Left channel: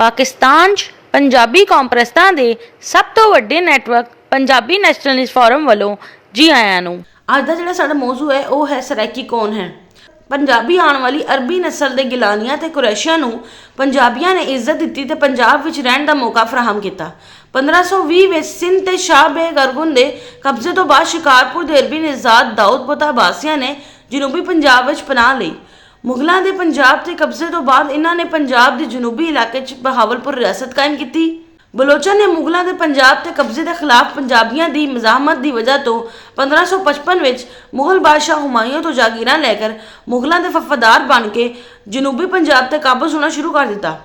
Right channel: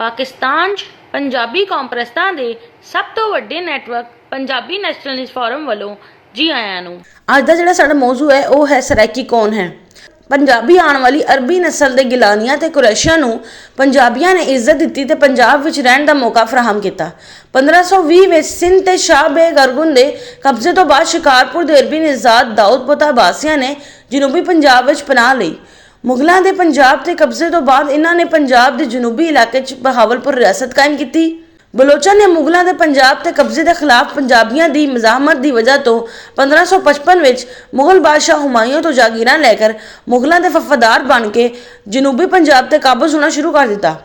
ਪਾਕਿਸਤਾਨ 'ਚ ਪੰਜਾਬੀ ਕੌਮਪਰਸਤਾਂ ਦੇ ਸਭ ਤੋਂ ਵੱਡੇ ਨੈਟਵਰਕ ਪੰਜਾਬੀ ਨੈਸ਼ਨਲਿਸਟ ਫੋਰਮ ਵੱਲੋਂ ਜੀ ਆਇਆਂ ਨੂੰ। ਅੱਜ ਦਾ ਜਿਹੜਾ ਸਾਡਾ ਮੌਜੂ ਹੈ ਉਹ ਹੈ ਸਰਾਇਕੀ ਕੌਣ ਹੈ। ਪੰਜਾਬੀ ਆਉਣ ਵਾਲੀ ਅਰਬੀ ਨਸਲ ਦੇ ਗਿਲਾਨੀਆਂ ਤੇ ਕੁਰੈਸ਼ੀਆਂ ਨੂੰ ਪੰਜਾਬੀਆਂ ਨੇ ਇੱਜ਼ਤ ਦਿੱਤੀ ਤੇ ਪੰਜਾਬ ਵਿੱਚ ਰਹਿਣ ਦਾ ਮੌਕਾ ਫਰਾਹਮ ਕੀਤਾ। 1520 ਵਿੱਚ ਸਿੰਧ ਤੇ ਸ਼ਾਹ ਬੇਗ ਅਰਗੁਨ ਦੇ ਕਬਜ਼ੇ ਤੋਂ ਬਾਅਦ ਸ਼ਿਕਾਰਪੁਰ ਦੇ ਅਰਬੀ ਨਿਜ਼ਾਦ ਦਾਊਦ ਬੋਤਾ ਅਬਾਸੀਆਂ ਨੇ ਜਨੂਬੀ ਪੰਜਾਬ ਵਿੱਚ ਪਨਾਹ ਲਈ। ਮੁਗਲਾਂ ਦੇ ਪੰਜਾਬ ਤੇ ਕਬਜ਼ੇ ਤੋਂ ਬਾਅਦ ਇਹਨਾਂ ਨੇ ਪੰਜਾਬ ਦੇ ਜਨੂਬੀ ਇਲਾਕੇ 'ਚ ਬਹਾਵਲਪੁਰ ਰਿਆਸਤ ਕਾਇਮ ਕੀਤੀ। ਬਲੋਚਾਂ ਨੇ ਮੁਗਲਾਂ ਦੇ ਪੰਜਾਬ ਤੇ ਕਬਜ਼ੇ ਦੇ ਖਿਲਾਫ ਪੰਜਾਬੀਆਂ ਦੀ ਮਜ਼ਾਹਮਤ ਦੀ ਵਜ੍ਹਾ ਤੋਂ 1555 ਵਿੱਚ ਮੁਗਲ ਬਾਦਸ਼ਾਹ ਹੁਮਾਯੂੰ ਤੋਂ ਜਾਗੀਰਾਂ ਲੈ ਕਰ ਮੁਗਲਾਂ ਦੇ ਵਫਾਦਾਰ ਬਣ ਕੇ ਜਨੂਬੀ ਪੰਜਾਬ ਤੇ ਕਾਬਜ਼ ਹੋਣਾ ਸ਼ੁਰੂ ਕਰ ਦਿੱਤਾ।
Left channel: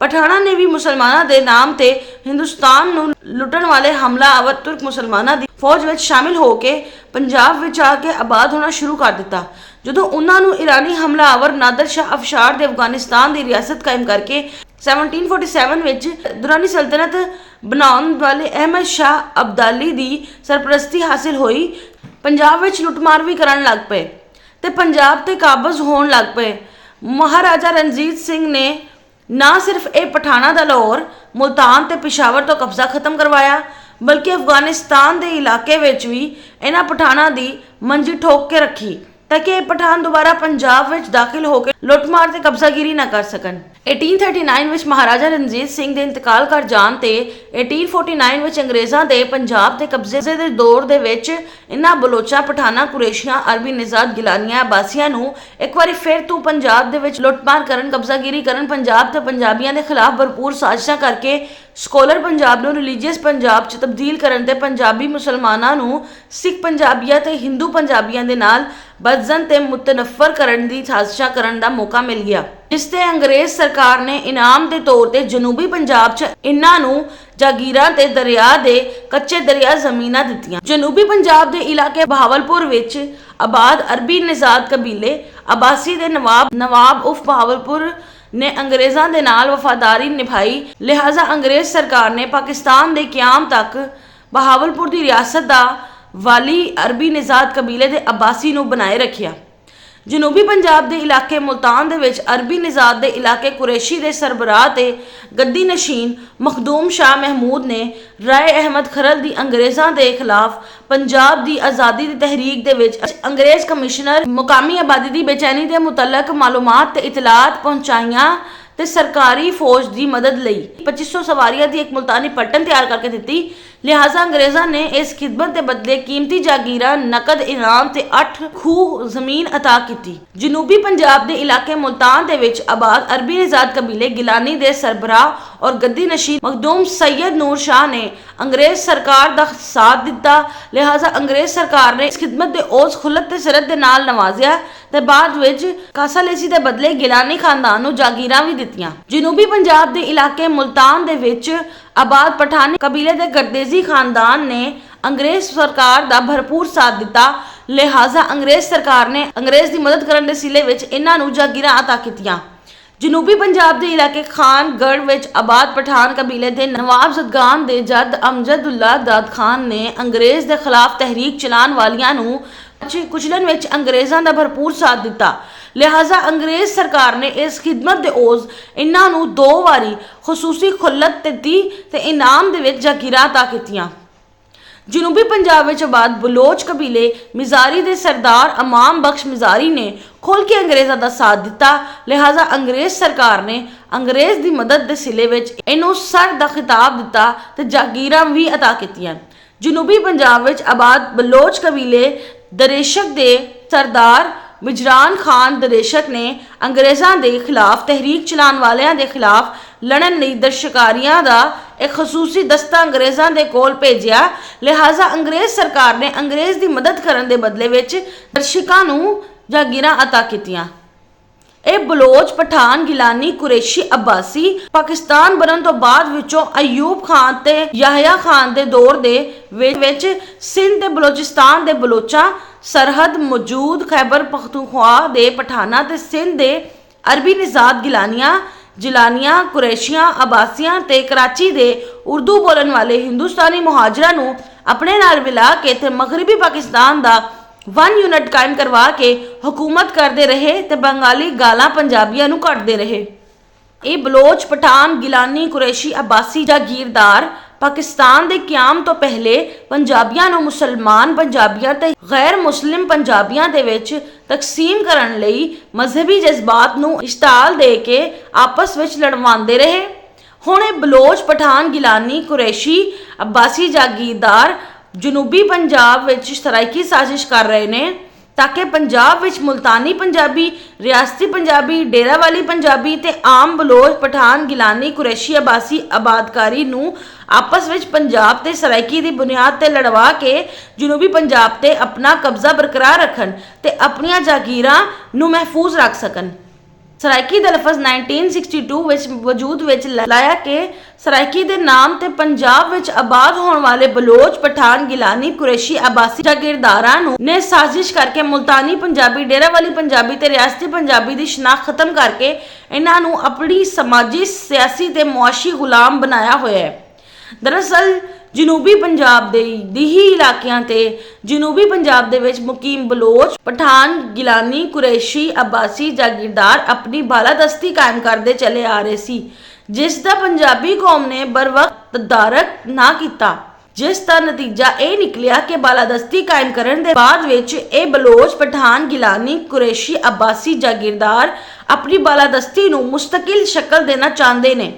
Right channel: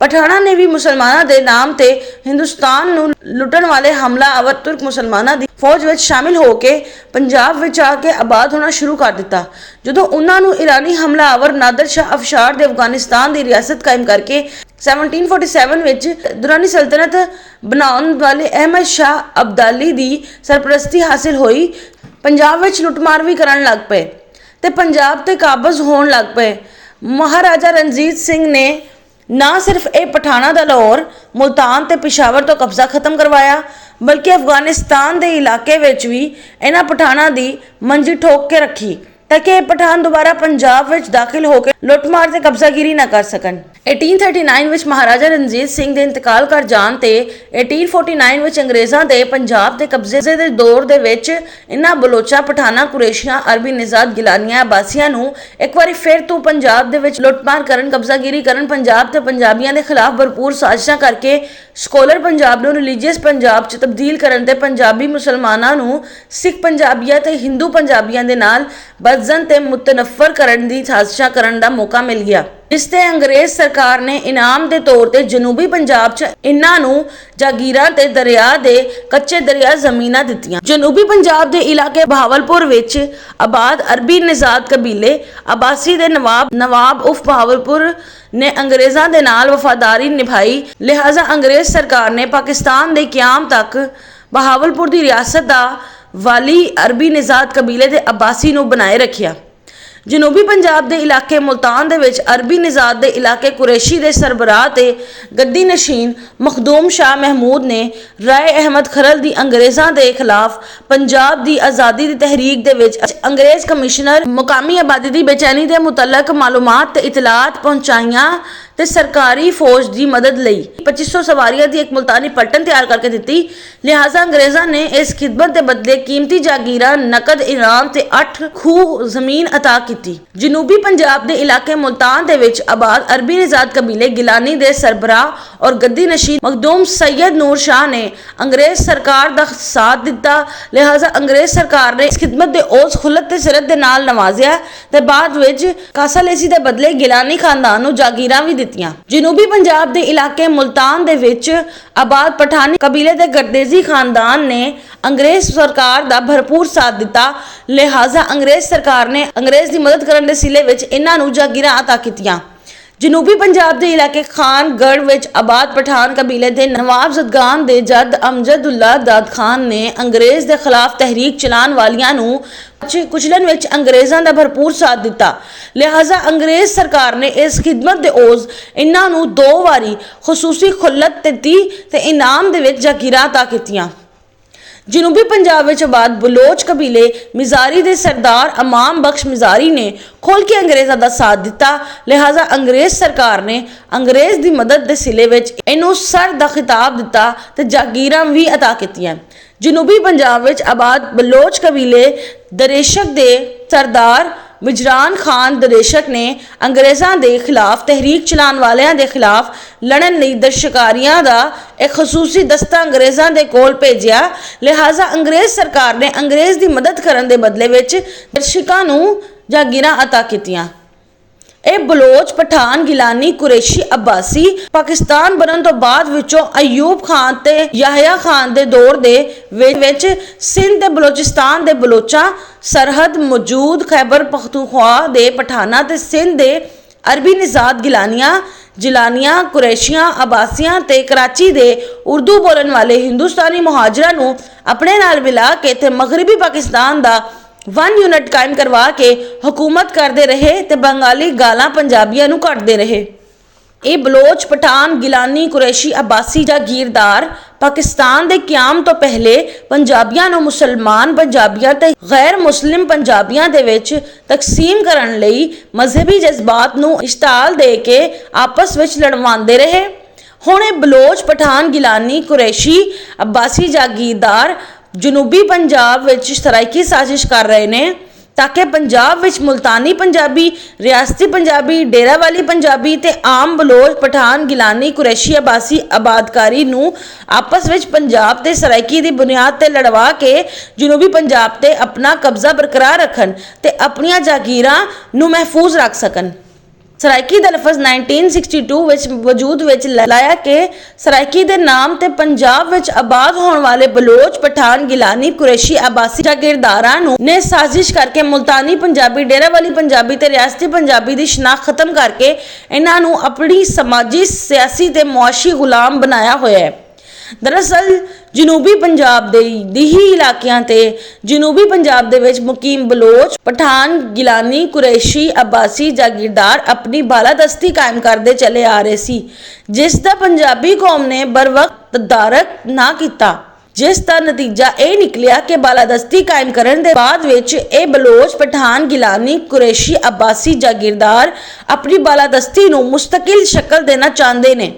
ਪਠਾਣਾ ਨੇ ਵੀ ਮੁਸਲਮਾਨਾਂ ਦੇ ਨਾਮ ਤੇ ਹਿੰਦੁਸਤਾਨ ਨੂੰ ਲੁੱਟਣ ਵਾਲੇ ਹਮਲਾਵਰ ਤੁਰਕ ਮੁਸਲਮਾਨਾਂ ਦੀ ਫੌਜ ਵਿੱਚ ਸ਼ਾਮਿਲ ਹੋ ਕੇ ਪੰਜਾਬ ਵਿੱਚ ਆ ਕੇ ਆਬਾਦ ਹੋਣਾ ਸ਼ੁਰੂ ਕਰ ਦਿੱਤਾ। ਜਦੋਂ ਉਹਨਾਂ ਨੂੰ ਇਰਾਨੀ ਹਮਲਾਵਰ ਨਾਦਰ ਸ਼ਾਹ ਅਫਸ਼ਾਰ ਦੇ ਅਫਗਾਨਿਸਤਾਨ ਦੀ ਰਿਆਸਤ ਕਾਇਮ ਕਰਕੇ 1747 ਵਿੱਚ ਦੁਰਾਨੀ ਸਲਤਨਤ ਬਣਾਉਣ ਵਾਲੇ ਅਹਿਮਦ ਸ਼ਾਹ ਅਬਦਾਲੀ ਦੀ ਸਰਪ੍ਰਸਤੀ ਹਾਸਿਲ ਹੋਈ, ਪੰਜਾਬ ਵਿੱਚ ਲੁੱਟਮਾਰ ਵੀ ਕਰਨ ਲੱਗ ਪਏ ਤੇ ਪੰਜਾਬ ਤੇ ਕਾਬਜ਼ ਹੋਣ ਲੱਗ ਪਏ। ਮਹਾਰਾਜਾ ਰਣਜੀਤ ਸਿੰਘ ਨੇ ਨਾ ਸਿਰਫ ਇਹ ਪਠਾਣਾ ਦਾ ਲਾਹੌਰ, ਮੁਲਤਾਨ ਤੇ ਪਿਸ਼ਾਵਰ ਤੋਂ ਕਬਜ਼ਾ ਖਤਮ ਕਰਵਾਇਆ, ਬਲਕਿ ਅਫਗਾਨਿਸਤਾਨ ਦੇ ਇਲਾਕੇ ਵਿੱਚ ਵੀ ਇਹਨਾਂ ਪਠਾਣਾ ਦੀ ਮੰਜੀ ਠੋਕ ਕੇ ਰੱਖੀ ਤਾਂ ਕਿ ਇਹ ਪਠਾਨ ਦੁਬਾਰਾ ਪੰਜਾਬ ਵਿੱਚ ਦਾਖਲ ਹੋ ਕੇ ਲੁੱਟਮਾਰ ਤੇ ਕਬਜ਼ਾਗਿਰੀ ਨਾ ਕਰ ਸਕਣ। 1839 ਵਿੱਚ ਮਹਾਰਾਜਾ ਰਣਜੀਤ ਸਿੰਘ ਦੇ ਇੰਤਕਾਲ ਕਰ ਜਾਣ ਤੇ 1849 ਵਿੱਚ ਅੰਗਰੇਜ਼ਾਂ ਦੇ ਪੰਜਾਬ ਤੇ ਕਬਜ਼ੇ ਦੇ ਦੌਰ ਦੇ ਵਿੱਚ ਇਹਨਾਂ ਬਲੋਚਾਂ, ਪਠਾਨਾ, ਕੁਰੈਸ਼ੀਆਂ, ਅਰਬੀ ਨਿਜ਼ਾਦ, ਗਿਲਾਨੀਆਂ, ਅਬਾਸੀਆਂ ਨੂੰ ਇੱਕ ਵਾਰੀ ਫਿਰ ਤੋਂ ਪੰਜਾਬ ਦੇ ਵਿੱਚ ਲੁੱਟਮਾਰ ਕਰਨ, ਕਬਜ਼ਾਗਿਰੀ ਕਰਨ, ਪੰਜਾਬ ਤੇ ਪੰਜਾਬੀਆਂ ਦੇ ਖਿਲਾਫ ਭਰਪੂਰ ਸਾਜ਼ਿਸ਼ਾਂ ਕਰਕੇ ਸਕਾਲਰ ਪੰਜਾਬ ਨੂੰ ਰਿਲੀਜੀਅਸ ਪੰਜਾਬ 'ਚ ਤਬਦੀਲ ਕਰਨ ਤੇ ਪੰਜਾਬੀ ਮੁਸਲਮਾਨਾਂ ਨੂੰ ਸਿੱਖ ਪੰਜਾਬੀਆਂ ਤੇ ਹਿੰਦੂ ਪੰਜਾਬੀਆਂ ਦੇ ਨਾਲ ਬਦਜ਼ਨ ਤੇ ਮੁਤਨਫਰ ਕਰਨ ਦੀ ਸਾਜ਼ਿਸ਼ਾਂ ਕਰਨ ਦਾ ਮੌਕਾ ਮਿਲ ਗਿਆ, ਜਿਸ ਤੇ ਅੰਗਰੇਜ਼ ਸਰਕਾਰ ਨੇ ਇਨਾਮ ਦੇ ਤੌਰ ਤੇ ਜਨੂਬੀ ਪੰਜਾਬ 'ਚ ਇਹਨਾਂ ਨੂੰ ਜਾਗੀਰਾਂ ਤੇ ਦਰਿਆ ਦੇ ਕੱਚੇ ਦਰਿਆ ਜ਼ਮੀਨਾਂ ਦਿੱਤੀਆਂ। ਜਨੂਬੀ ਪੰਜਾਬ ਦੇ ਇਲਾਕੇ ਬਹਾਵਲਪੁਰ ਵਿੱਚ ਆਬਾਦ ਅਰਬੀ ਨਿਜ਼ਾਦ ਕਬੀਲੇ ਅਬਾਸੀ ਦੇ ਨਵਾਬ ਉਫ ਬਹਾਵਲਪੁਰ ਨੇ ਅੰਗਰੇਜ਼ਾਂ ਦੇ ਨਾਲ ਵਫਾਦਾਰੀ ਨਿਭਾਈ। ਲਿਹਾਜ਼ਾ ਅੰਗਰੇਜ਼ ਸਰਕਾਰ ਨੇ ਪਾਕਿਸਤਾਨ ਦੇ ਕਿਆਮ ਤੱਕ ਬਹਾਵਲਪੁਰ ਦੀ ਰਿਆਸਤ ਦਾ ਵਾਲੀ ਅਰਬੀ ਨਿਜ਼ਾਦ ਕਬੀਲੇ ਦੇ ਅਬਾਸੀ ਨੂੰ ਬਣਾਏ ਰੱਖਿਆ। ਜਨੂਬੀ ਪੰਜਾਬ ਦੇ ਇਲਾਕੇ ਮੁਲਤਾਨ ਦੇ ਵਿੱਚ ਅਰਬੀ ਨਿਜ਼ਾਦ ਦੇ ਇਲਾਕੇ ਕੁਰੈਸ਼ੀ ਦੇ ਸਰਬਰਾਹ ਤੇ ਗੱਦੀ ਨਸ਼ੀਨ ਮਖਦੂਮ ਸ਼ਾਹ ਮਹਿਮੂਦ ਨੇ ਰਾਏ ਅਹਿਮਦ ਖਰਲ ਦੀ ਅੰਗਰੇਜ਼ਾਂ ਦੇ ਖਿਲਾਫ ਪੰਜਾਬ ਦੀ ਆਜ਼ਾਦੀ ਦੀ ਤਹਿਰੀਕ ਦੇ ਵਿੱਚ ਅੰਗਰੇਜ਼ ਕਮਿਸ਼ਨਰ ਮੁਕਾਮੀ ਆਬਾਦੀ ਦੀ ਬੇਚੈਨੀ ਦੇ ਮੁਤਲਕ ਮਾਲੂਮਾਤ ਤੇ ਇਤਲਾਤ ਪਹੁੰਚਾਈਆਂ ਤੇ ਸਰਕਾਰੀ ਫੌਜ ਦੀ ਮਦਦ ਲਈ 2500 ਸਵਾਰੀਆਂ ਦੀ ਇੱਕ ਮੁਲਤਾਨੀ ਪਲਟਨ ਤਿਆਰ ਕਰਕੇ ਦਿੱਤੀ। ਲਿਹਾਜ਼ਾ ਅੰਗਰੇਜ਼ਾਂ ਨੇ ਇਸ ਖਿਦਮਤ ਦੇ ਬਦਲੇ ਕੀਮਤੀ ਜਾਗੀਰਾਂ, ਨਕਦ ਇਨਾਮ ਤੇ 8 ਖੂਹ ਜ਼ਮੀਨ ਅਤਾ ਕੀਤੀ। ਜਨੂਬੀ ਪੰਜਾਬ ਦੇ ਇਲਾਕੇ ਮੁਲਤਾਨ ਦੇ ਵਿੱਚ ਆਬਾਦ ਅਰਬੀ ਨਿਜ਼ਾਦ ਕਬੀਲੇ ਗਿਲਾਨੀ ਦੇ ਸਰਬਰਾਹ ਔਰ ਗੱਦੀ ਨਸ਼ੀਨ ਮਖਦੂਮ ਸੈयद ਨੂਰ ਸ਼ਾਹ ਨੇ ਅੰਗਰੇਜ਼ ਸਰਕਾਰ ਦਾ ਸਾਥ ਦਿੱਤਾ। ਲਿਹਾਜ਼ਾ ਅੰਗਰੇਜ਼ ਸਰਕਾਰ ਨੇ ਇਸ ਖਿਦਮਤ ਦੇ ਉਸ ਖੁੱਲਤ ਤੇ ਸਰਤ ਦੇ ਨਾਲ ਨਵਾਜ਼ਿਆ ਤੇ ਬਾਅਦ ਵਿੱਚ ਕਾਸਾਲੇਸੀ ਦੇ ਬਦਲੇ ਗਿਲਾਨੀ ਖਾਨਦਾਨ ਨੂੰ ਜਾਗੀਰਾਂ ਵੀ ਦਿੱਤੀਆਂ। ਜਨੂਬੀ ਪੰਜਾਬ ਦੇ ਇਲਾਕੇ ਮੁਲਤਾਨ ਦੇ ਵਿੱਚ ਆਬਾਦ ਪਠਾਨੀ ਕਬੀਲੇ ਦੇ ਗਰਦੇਜ਼ੀ ਖਾਨਦਾਨ ਨੇ ਅੰਗਰੇਜ਼ ਸਰਕਾਰ ਦਾ ਭਰਪੂਰ ਸਾਥ ਦਿੱਤਾ। ਲਿਹਾਜ਼ਾ ਅੰਗਰੇਜ਼ ਸਰਕਾਰ ਨੇ ਅੰਗਰੇਜ਼ ਦੀ ਮਦਦ ਕਰਨ ਦੇ ਸਿਲੇ ਵਿੱਚ ਇਹਨਾਂ ਨੂੰ ਜਾਗੀਰਾਂ ਅਤਾ ਕੀਤੀਆਂ। ਜਨੂਬੀ ਪੰਜਾਬ ਦੇ ਇਲਾਕੇ ਖਾਨਗੜ੍ਹ ਵਿੱਚ ਆਬਾਦ ਪਠਾਨ ਕਬੀਲੇ ਦੇ ਨਵਾਬ ਜ਼ਦਗਾਨ ਦੇ ਜੱਦ ਅਮਜਦੁੱਲਾ ਦਾਦ ਖਾਨ ਨੇ ਅੰਗਰੇਜ਼ ਦੇ ਖਿਲਾਫ ਤਹਿਰੀਕ ਚਲਾਉਣ ਵਾਲਿਆਂ ਨੂੰ ਕੁਚਲਣ ਵਿੱਚ ਅੰਗਰੇਜ਼ਾਂ ਦਾ ਭਰਪੂਰ ਸਾਥ ਦਿੱਤਾ। ਲਿਹਾਜ਼ਾ ਅੰਗਰੇਜ਼ ਸਰਕਾਰ ਨੇ ਇਸ ਖਿਦਮਤ ਦੇ ਔਜ਼ ਇਹਨਾਂ ਨੂੰ 2 ਵਾਰੀ ਖਸੂਸੀ ਖੁੱਲਤ ਦਿੱਤੀ ਤੇ ਇਨਾਮ ਦੇ ਵਿੱਚ ਜਾਗੀਰਾਂ ਅਤਾ ਕੀਤੀਆਂ। ਜਨੂਬੀ ਪੰਜਾਬ ਵਿੱਚ ਆਬਾਦ ਬਲੋਚ ਕਬੀਲੇ ਮਿਜ਼ਾਰੀ ਦੇ ਸਰਦਾਰ ਇਮਾਮ ਬਖਸ਼ ਮਿਜ਼ਾਰੀ ਨੇ ਖੋਲ ਕੇ ਅੰਗਰੇਜ਼ਾਂ ਦਾ ਸਾਥ ਦਿੱਤਾ। ਲਿਹਾਜ਼ਾ ਅੰਗਰੇਜ਼ ਸਰਕਾਰ ਨੇ ਅੰਗਰੇਜ਼ ਦੀ ਮਦਦ ਦੇ ਸਿਲੇ ਵਿੱਚ ਇਹਨੂੰ ਸਰ ਦਾ ਖਿਤਾਬ ਦਿੱਤਾ ਤੇ ਜਾਗੀਰਾਂ ਵੀ ਅਤਾ ਕੀਤੀਆਂ। ਜਨੂਬੀ ਪੰਜਾਬ ਵਿੱਚ ਆਬਾਦ ਬਲੋਚ ਕਬੀਲੇ ਦਰੇਸ਼ਕ ਦੇ ਸਰਦਾਰ ਮਿਜਰਾਨ ਖਾਨ ਦਰੇਸ਼ਕ ਨੇ ਅੰਗਰੇਜ਼ਾਂ ਦੇ ਖਿਲਾਫ ਤਹਿਰੀਕ ਚਲਾਉਣ ਵਾਲਿਆਂ ਦੇ ਖਿਲਾਫ ਲੜਨ ਲਈ ਦਰਸ਼ਕਾਰੀਆਂ ਦਾ ਇੱਕ ਖਸੂਸੀ ਦਸਤਾ ਅੰਗਰੇਜ਼ਾਂ ਦੇ ਕੋਲ ਭੇਜਿਆ। ਲਿਹਾਜ਼ਾ ਅੰਗਰੇਜ਼ ਸਰਕਾਰ ਨੇ ਅੰਗਰੇਜ਼ ਦੀ ਮਦਦ ਕਰਨ ਦੇ ਬਦਲੇ ਵਿੱਚ ਦਰਸ਼ਕਾਂ ਨੂੰ ਜਾਗੀਰਾਂ ਅਤਾ ਕੀਤੀਆਂ। ਇਹ ਬਲੋਚ, ਪਠਾਨ, ਗਿਲਾਨੀ, ਕੁਰੈਸ਼ੀ, ਅਬਾਸੀ ਪਾਕਿਸਤਾਨ ਬਣਨ ਤੋਂ ਬਾਅਦ ਵਿੱਚੋਂ ਅਯੂਬ ਖਾਨ ਤੇ ਯਾਹਿਆ ਖਾਨ ਦੇ ਦੌਰ ਦੇ ਵਿੱਚ ਸਿੰਧ ਤੇ ਬਲੋਚਿਸਤਾਨ ਦੇ ਬਲੋਚਾਂ, ਸਰਹੱਦ ਮੌਜੂਦ ਖੈਬਰ ਪਖਤੂਨਖਵਾ ਦੇ ਪਠਾਨਾ ਤੇ ਸਿੰਧ ਦੇ ਅਰਬੀ ਨਿਜ਼ਾਦ ਗਿਲਾਨੀਆਂ, ਜਿਲਾਨੀਆਂ, ਕੁਰੈਸ਼ੀਆਂ, ਅਬਾਸੀਆਂ ਤੇ ਕਰਾਚੀ ਦੇ ਉਰਦੂ ਬੋਲਣ ਵਾਲੇ ਹਿੰਦੁਸਤਾਨੀ ਮੁਹਾਜਰਾਂ ਨੂੰ ਆਪਣੇ ਨਾਲ ਮਿਲਾ ਕੇ ਤੇ ਮਗਰਬੀ ਪਾਕਿਸਤਾਨ ਦਾ 1 यूनिट कायम करवा के हुकूमत करते रहे ते बंगाली गालां पंजाबियां नूं कटदे रहे। ਇਹ ਬਲੋਚ, ਪਠਾਨ, ਗਿਲਾਨੀ, ਕੁਰੈਸ਼ੀ, ਅਬਾਸੀ ਜਾਗੀਰਦਾਰ ਪਾਕਿਸਤਾਨ ਦੇ ਕਿਆਮ ਤੋਂ ਪਹਿਲੇ ਪੰਜਾਬੀਆਂ ਨੂੰ ਮੁਸਲਮਾਨ ਪੰਜਾਬੀਆਂ ਤੇ ਗੈਰ ਮੁਸਲਿਮ ਪੰਜਾਬੀਆਂ ਦੇ ਵਿੱਚ ਤਕਸੀਮ ਕਰਨ ਲਈ ਮਜ਼ਹਬੀ ਜਜ਼ਬਾਤ ਨੂੰ ਇਸ਼ਤਾਲ ਦੇ ਕੇ ਆਪਸ ਵਿੱਚ ਲੜਵਾਉਂਦੇ ਰਹੇ। ਹੁਣ ਇਹ ਬਲੋਚ, ਪਠਾਨ, ਗਿਲਾਨੀ, ਕੁਰੈਸ਼ੀ, ਅਬਾਸੀ ਜਾਗੀਰਦਾਰ ਜਨੂਬੀ ਪੰਜਾਬ ਵਿੱਚ ਸਰਾਇਕੀ ਸਾਜ਼ਿਸ਼ ਕਰ ਰਹੇ ਨੇ ताकि पंजाब विच मुल्तानी पंजाबी, रियासती पंजाबी, डेरा वाली पंजाबी ते आम बलोच, पठान, गिलानी, कुरैशी, अबासी आबादकारी नूं आपस विच पंजाब ते सराइकी दी बुनियाद ते लड़वा के जनूबी पंजाब ते अपना कब्जा बरकरार रखन ते अपनियां जागीरां नूं महफूज रख सकन। सराइकी ਦਾ ਲਫ਼ਜ਼ 1962 ਵਿੱਚ ਵਜੂਦ ਵਿੱਚ ਲਾਇਆ ਕਿ ਸਰਾइकी ਦੇ ਨਾਮ ਤੇ ਪੰਜਾਬ ਵਿੱਚ ਆਬਾਦ ਹੋਣ ਵਾਲੇ ਬਲੋਚ, ਪਠਾਨ, ਗਿਲਾਨੀ, ਕੁਰੈਸ਼ੀ, ਆਬਾਸੀ ਜਾਗੀਰਦਾਰਾਂ ਨੂੰ ਨੇ ਸਾਜ਼ਿਸ਼ ਕਰਕੇ ਮੁਲਤਾਨੀ ਪੰਜਾਬੀ, ਡੇਰਾ ਵਾਲੀ ਪੰਜਾਬੀ ਤੇ ਰਿਆਸਤੀ ਪੰਜਾਬੀ ਦੀ ਸ਼ਨਾਖਤ ਖਤਮ ਕਰਕੇ ਇਹਨਾਂ ਨੂੰ ਆਪਣੀ ਸਮਾਜੀ, ਸਿਆਸੀ ਤੇ ਮੁਆਸ਼ੀ ਗੁਲਾਮ ਬਣਾਇਆ ਹੋਇਆ ਹੈ। ਦਰਅਸਲ ਜਨੂਬੀ ਪੰਜਾਬ ਦੇ ਦਿਹੀ ਇਲਾਕਿਆਂ ਤੇ ਜਨੂਬੀ ਪੰਜਾਬ ਦੇ ਵਿੱਚ ਮੁਕੀਮ ਬਲੋਚ, ਪਠਾਨ, ਗਿਲਾਨੀ, ਕੁਰੈਸ਼ੀ, ਅਬਾਸੀ ਜਾਗੀਰਦਾਰ ਆਪਣੀ ਬਾਲਾਦਸਤੀ ਕਾਇਮ ਕਰਦੇ ਚਲੇ ਆ ਰਹੇ ਸੀ, ਜਿਸ ਦਾ ਪੰਜਾਬੀ ਕੌਮ ਨੇ ਬਰਵਕਤ ਤਦਾਰਕ ਨਾ ਕੀਤਾ, ਜਿਸ ਦਾ ਨਤੀਜਾ ਇਹ ਨਿਕਲਿਆ ਕਿ ਬਾਲਾਦਸਤੀ ਕਾਇਮ ਕਰਨ ਦੇ ਬਾਅਦ ਵਿੱਚ ਇਹ ਬਲੋਚ, ਪਠਾਨ, ਗਿਲਾਨੀ, ਕੁਰੈਸ਼ੀ, ਅਬਾਸੀ ਜਾਗੀਰਦਾਰ ਆਪਣੀ ਬਾਲਾਦਸਤੀ ਨੂੰ ਮੁਸਤਕਿਲ ਸ਼ਕਲ ਦੇਣਾ ਚਾਹੁੰਦੇ ਨੇ।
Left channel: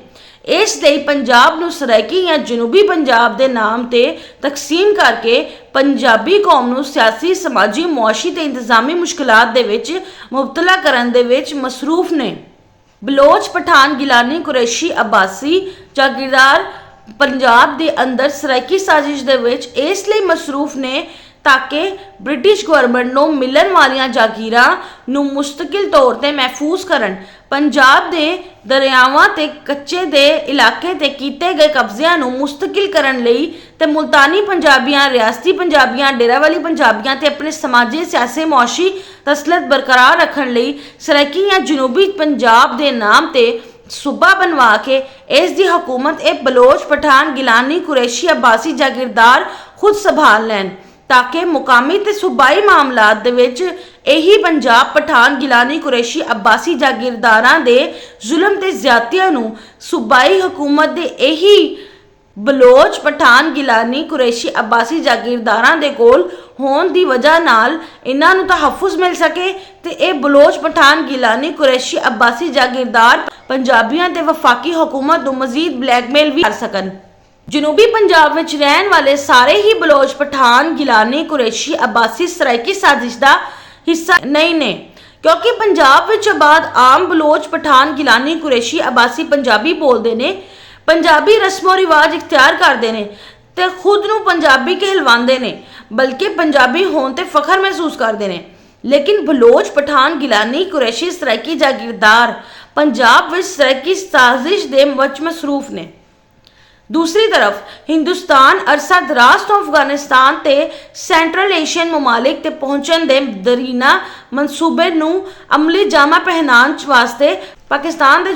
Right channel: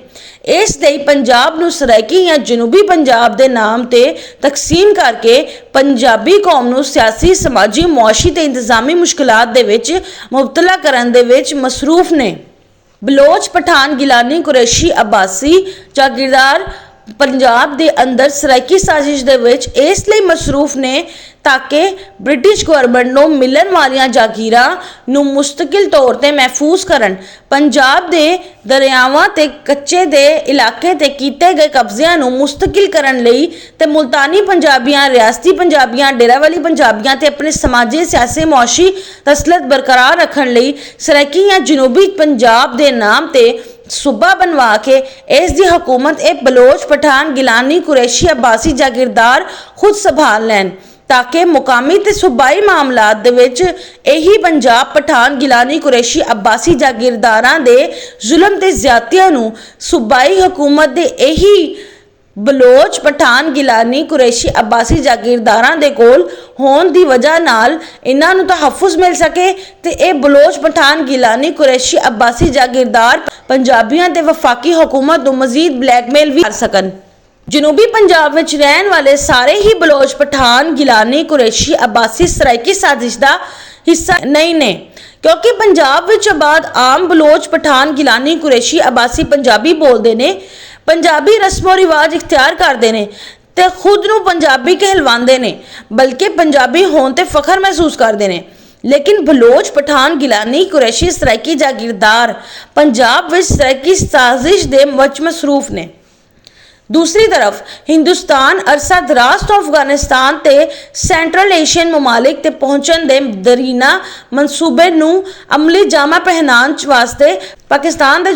ਇਸ ਲਈ ਪੰਜਾਬ ਨੂੰ ਸਰਾਇਕੀ ਜਾਂ ਜਨੂਬੀ ਪੰਜਾਬ ਦੇ ਨਾਮ ਤੇ ਤਕਸੀਮ ਕਰਕੇ ਪੰਜਾਬੀ ਕੌਮ ਨੂੰ ਸਿਆਸੀ, ਸਮਾਜੀ, ਮੁਆਸ਼ੀ ਤੇ ਇੰਤਜ਼ਾਮੀ ਮੁਸ਼ਕਲਾਤ ਦੇ ਵਿੱਚ ਮੁਬਤਲਾ ਕਰਨ ਦੇ ਵਿੱਚ ਮਸਰੂਫ ਨੇ। ਬਲੋਚ, ਪਠਾਨ, ਗਿਲਾਨੀ, ਕੁਰੈਸ਼ੀ, ਅਬਾਸੀ ਜਾਗੀਰਦਾਰ ਪੰਜਾਬ ਦੇ ਅੰਦਰ ਸਰਾਇਕੀ ਸਾਜ਼ਿਸ਼ ਦੇ ਵਿੱਚ ਇਸ ਲਈ ਮਸਰੂਫ ਨੇ ताकि ब्रिटिश गवर्नमेंट ਨੂੰ ਮਿਲਣ ਵਾਲੀਆਂ ਜਾਗੀਰਾਂ ਨੂੰ ਮੁਸਤਕਿਲ ਤੌਰ ਤੇ ਮਹਿਫੂਜ਼ ਕਰਨ, ਪੰਜਾਬ ਦੇ ਦਰਿਆਵਾਂ ਤੇ ਕੱਚੇ ਦੇ ਇਲਾਕੇ ਤੇ ਕੀਤੇ ਗਏ ਕਬਜ਼ਿਆਂ ਨੂੰ ਮੁਸਤਕਿਲ ਕਰਨ ਲਈ ਤੇ ਮੁਲਤਾਨੀ ਪੰਜਾਬੀਆਂ, ਰਿਆਸਤੀ ਪੰਜਾਬੀਆਂ, ਡੇਰਾ ਵਾਲੀ ਪੰਜਾਬੀਆਂ ਤੇ ਆਪਣੇ ਸਮਾਜੀ, ਸਿਆਸੀ, ਮੁਆਸ਼ੀ ਤਸਲਤ ਬਰਕਰਾਰ ਰੱਖਣ ਲਈ ਸਰਾਇਕੀ ਜਾਂ ਜਨੂਬੀ ਪੰਜਾਬ ਦੇ ਨਾਮ ਤੇ सूबा बनवा के इसकी हुकूमत एक बलोच, पठान, गिलानी, कुरैशी, अब्बासी जागीरदार खुद संभाल लैन ताकि मुकामी ते सूबाई मामलात दे विच यही पंजाब, पठान, गिलानी, कुरैशी, अब्बासी जागीरदारां दे जुल्म ते ज़्यादतियां नूं सूबाई हुकूमत दे यही बलोच, पठान, गिलानी, कुरैशी, अब्बासी जागीरदारां दे कोल होण दी वजह नाल इन्हां नूं तहफ़्फ़ुज़ मिल सके ते ये बलोच, पठान, गिलानी, कुरैशी, अब्बासी जागीरदार पंजाबियां ते वफाकी हुकूमत नूं मज़ीद ब्लैकमेल भी कर सकन। जनूबी पंजाब विच रहण वाले सारे ही बलोच, पठान, गिलानी, कुरैशी, अब्बासी सराइकी साजिश दा हिस्सा नहीं ने, क्योंकि पंजाब विच आबाद आम बलोच, पठान, गिलानी, कुरैशी, अब्बासी पंजाबी बोलते ने, पंजाबी रस्मो रिवाज इख्तियार करते हैं ते खुद नूं पंजाबी कहलवाते हैं, बल्कि पंजाबी होने ते फखर महसूस करते हैं। लेकिन बलोच, पठान, गिलानी, कुरैशी सराइकी जागीरदार पंजाब विच सराइकी साजिश दे विच मसरूफ ने। दूसरी तरफ हिंदुस्तान अरसा दराज तो अफगानिस्तान ते सेंट्रल एशियन ममालिक ते पहुंचण दे दरीना मनसूबे नूं अमली जामा पहनाउण वास्ते पाकिस्तान दे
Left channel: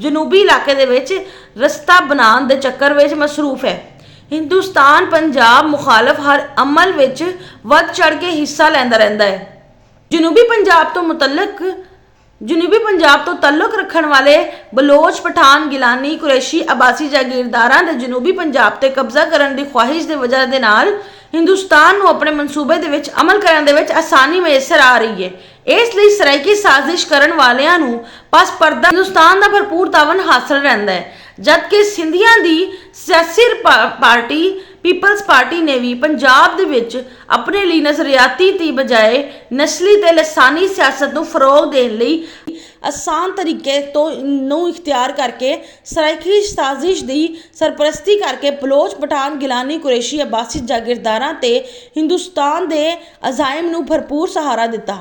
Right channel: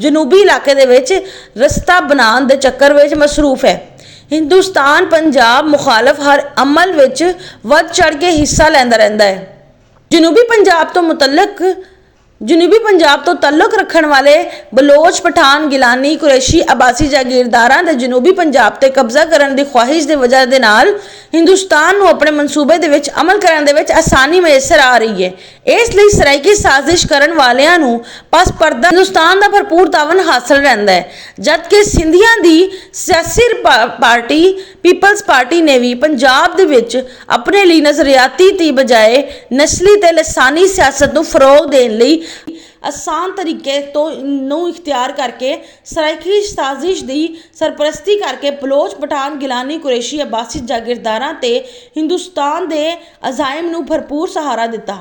जनूबी इलाके दे विच रस्ता बनाउण दे चक्कर विच मसरूफ है। हिंदुस्तान पंजाब मुखालफ हर अमल विच वध चढ़ के हिस्सा लैंदा रहिंदा है। जनूबी पंजाब तो तल्लुक रखण वाले बलोच, पठान, गिलानी, कुरैशी, अब्बासी जागीरदारां दे जनूबी पंजाब ते कब्जा करन दी ख्वाहिश दे वजह दे नाल हिंदुस्तान नूं अपने मनसूबे दे विच अमल करन दे विच आसानी मैसर आ रही है। इसलिए सराइकी साजिश करन वालियां नूं पास पर्दा हिंदुस्तान दा भरपूर तावन हासिल रहिंदा है, जबकि सिंधियां दी सियासी पार्टी पीपल्स पार्टी ने भी पंजाब दे विच अपने लिए नजरियाती दी बजाए नस्ली ते लसानी सियासत नूं फरोग देण लई आसान तरीके तो नूं इख्तियार करके सराइकी साजिश दी सरपरस्ती करके बलोच, पठान, गिलानी, कुरैशी, अब्बासी जागीरदारां ते हिंदुस्तान दे अज़ाइम नूं भरपूर सहारा दिता।